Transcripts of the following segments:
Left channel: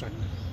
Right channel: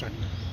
Sir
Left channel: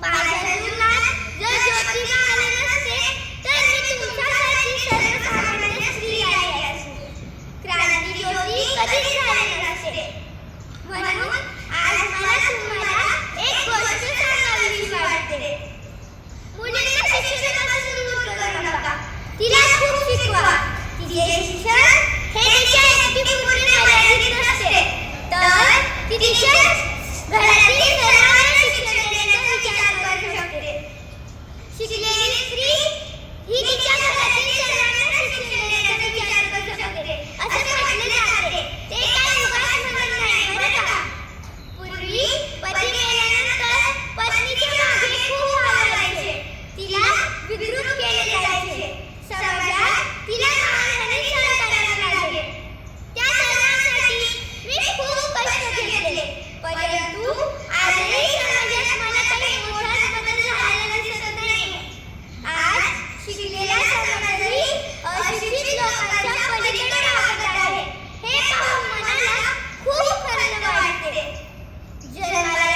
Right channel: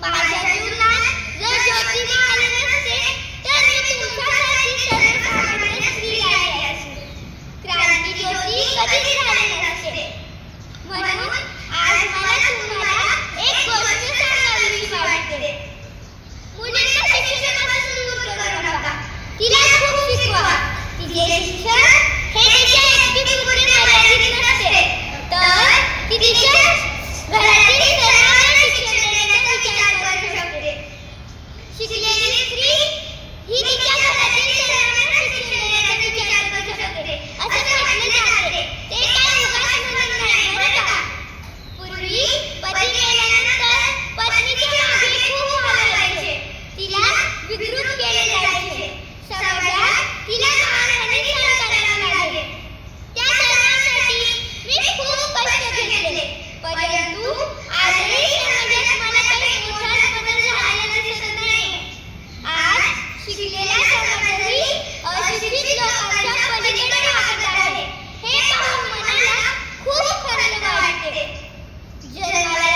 把小熊 अशिक्षित लोकांच्या पलीकडे वागत आहे. हे पाहून मनाला खूप खंत वाटते जन्माला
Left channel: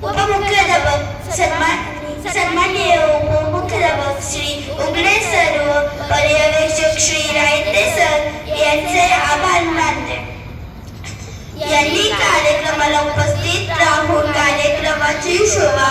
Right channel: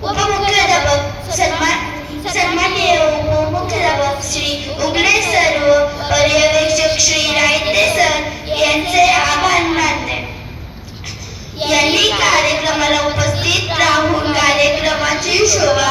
उपमुख्याध्यापक सन्मान सन्मान्य उपमुख्याध्यापक श्री उगडे सर्व पर्यवेक्षक श्री रायते सर यांचे आभार मानले यांनी कार्यक्रमाला उपस्थित राहून कार्यक्रमाची शोभा